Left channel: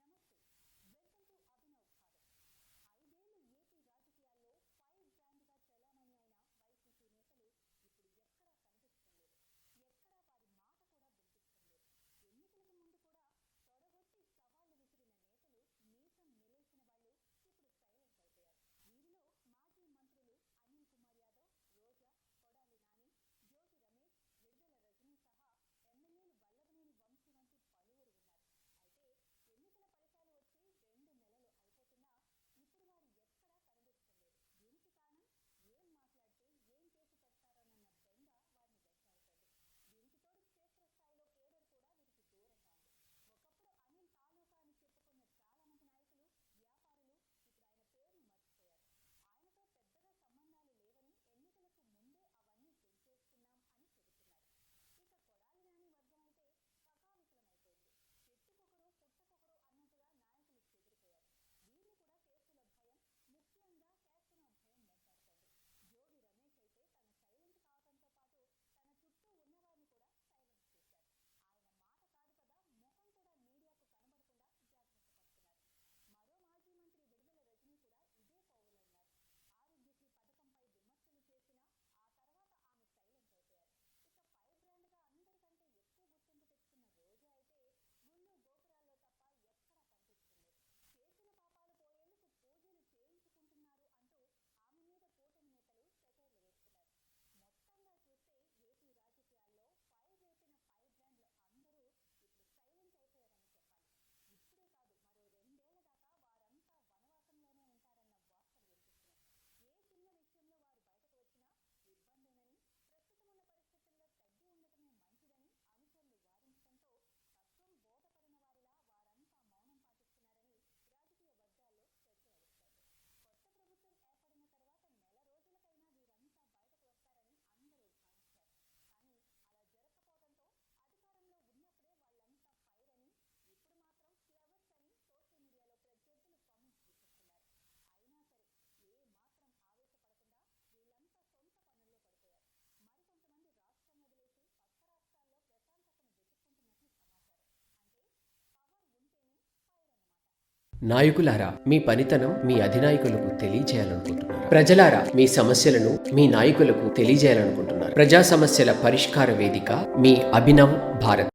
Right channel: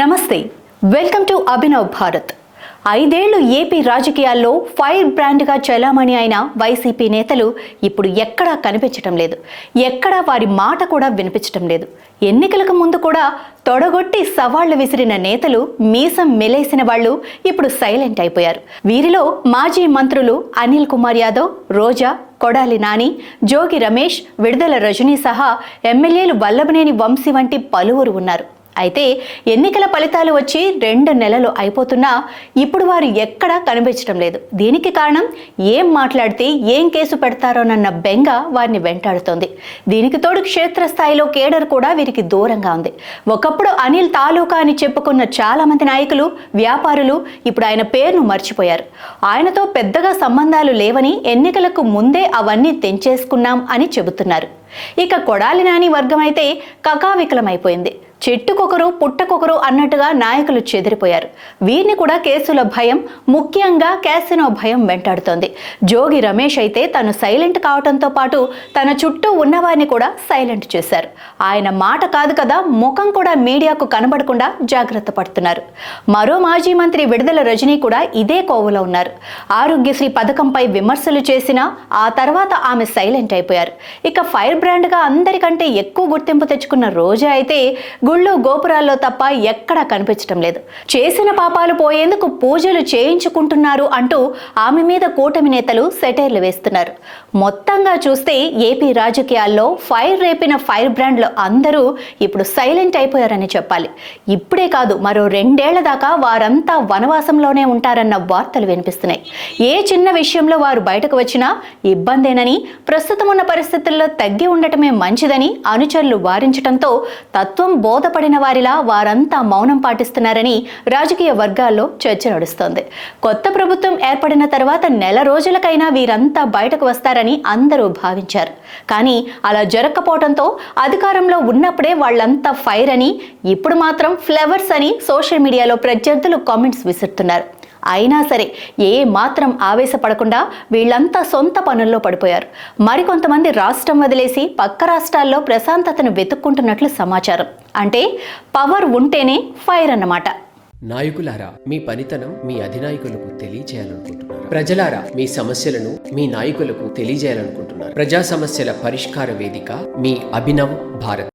నమస్తే, welcome to Abhinav Bharat. 5 ఏళ్లు AP రాజకీయాల్లో ఫైర్ బ్రాండ్గా చలామణి అయిన వైసీపీ నేతలు ఇప్పుడు ఎక్కడా కనిపించటం లేదు. ఎక్కడా వారి మాట కూడా వినిపించటం లేదు. ఎన్నికలకు ముందు కూడా తొడగొట్టి సవాళ్లు విసిరిన నేతలు, మీసం మెలేసిన వాళ్ళు ఇప్పుడు సైలెంట్ అయిపోయారు. వీరిలో మాజీ మంత్రులు అనిల్ కుమార్ యాదవ్, రోజా, కొడాలి నాని, జోగి రమేష్, విడుదల రజనీ సహా ఎమ్మెల్యేలు వల్లభనేని వంశీ వంటి పలువురు ఉన్నారు. అయితే ఎన్నికల ఫలితాలు వచ్చి 2 నెలలు అయిపోతున్నా ఇప్పుడు వారు ఎక్కడా కనిపించడం లేదు. దీనికి కారణం ఏం మాట్లాడితే ఏం కేసు పెడతారోనన్న బెంగ వారిని వెంటాడుతోంది. దీనికి తోడు క్షేత్రస్థాయిలో కేడర్ కూడా వీరికి దూరంగా ఉంది. ఒకప్పుడు అనిల్ తాలూకా అని చెప్పుకున్న చాలా మంది నాయకులు, వ్యాపారులు ఇప్పుడు ఆయన పేరును మర్చిపోయారు. ఆయనతో పెద్దగా సంబంధాలు లేవని, ఎన్నికలకు ముందే అవన్నీ తెంచేసుకున్నాం అని చెబుతున్నారు. ఇక కొడాలి నాని వర్గం అయితే కకావికలమైపోయింది. చెట్టుకొకరు పుట్టకొకరు అన్నట్టుగా నాయకులు చెదిరిపోయారు. వీరిని కూడా కేసుల భయం, ముఖ్యంగా క్యాసినో భయం వెంటాడుతోంది. జోగి రమేష్ అయితే తను సైలెంట్ కావడంతో పాటు తన చుట్టూ ఉన్నవారిని కూడా సైలెంట్ చేశారు. ఆయన మాట కాదు కదా, ముఖం కూడా మీడియాకు కనబడకుండా జాగ్రత్త పడుతున్నారు. మరో మాజీ మంత్రి విడుదల రజనీ కూడా ఇదే కోవలో ఉన్నారు. ఆరోగ్యశ్రీ పథకంపై విమర్శలు చేసినా ఆ తర్వాత ఆమె సైలెంట్ అయిపోయారు. ఇక ఫైర్ బ్రాండ్గా అందరికంటే ఎక్కువ గుర్తింపు తెచ్చుకున్న రోజా అయితే గుళ్ళు గోపురాల్లో తప్ప ఎక్కడా కనిపించడం లేదు. చేసిన పాపాలు పోయేందుకు పూజలు చేయించుకుంటున్నారు అంటూ ఆమె మీద కూటమి నేతలు సెటైర్లు వేస్తున్నారు. మొత్తంగా చూస్తే ఏపీ రాజకీయాల్లో ఫైర్ రేపిన ఫైర్ బ్రాండ్లు అందరూ ఇప్పుడు సైలెంట్ అయిపోయారని చెప్పాలి. ఇప్పుడే కాదు, మరో 2 ఏళ్ల దాకా వారంతా వనవాసంలోనే ఉంటారన్న వార్తలు వినిపిస్తున్నాయి. ఏ చిన్న విషయంలో వారు బయటకు వచ్చినా ఇబ్బందేనని, ప్రస్తుతం ఉన్న పరిస్థితుల్లో తగ్గి ఉండటమే మంచిదని అనుచరులు వారించడంతో తత్వం బోధపడిన వారిలా వారంతా మౌనం పాటిస్తున్నారని రాజకీయ వర్గాల్లో చర్చ నడుస్తోంది. కొత్త ప్రభుత్వం ఏర్పడిన తర్వాత నెల రోజులకైనా వీరంతా బయటకు వస్తారని అందరూ భావించారు. కానీ అలా జరగకపోవడంతో అధికారంలో ఉన్నప్పుడే వాళ్ళంతా ఫైర్ అని, ఇప్పుడు మాత్రం ఫ్లవర్స్ అని సోషల్ మీడియాలో ప్రత్యర్థులు కామెంట్స్ విసురుతున్నారు. అయినా సరే ఏ మాత్రం ఆవేశపడకుండా వీళ్ళంతా సొంత పనుల్లో పడిపోయారు. మరికొంతమంది రాష్ట్రం వదిలేసి పక్క రాష్ట్రాల్లో ప్రశాంతతను వెతుక్కుంటున్నట్లు సమాచారం. అంటే పవర్ ఉంటేనే ఫైర్ అన్నమాట. నాయకులారా, మీ పనితనం మీ అధినాయకులకు తెలియజేయాలనుకుంటున్నారు. ప్రజలారా, మీ సమస్యలను మీ నాయకులకు తెలియజేయాలనుకుంటున్నారు. ప్రజా సమస్యల పరిష్కార వేదిక మీ అభినవ్ భారత్.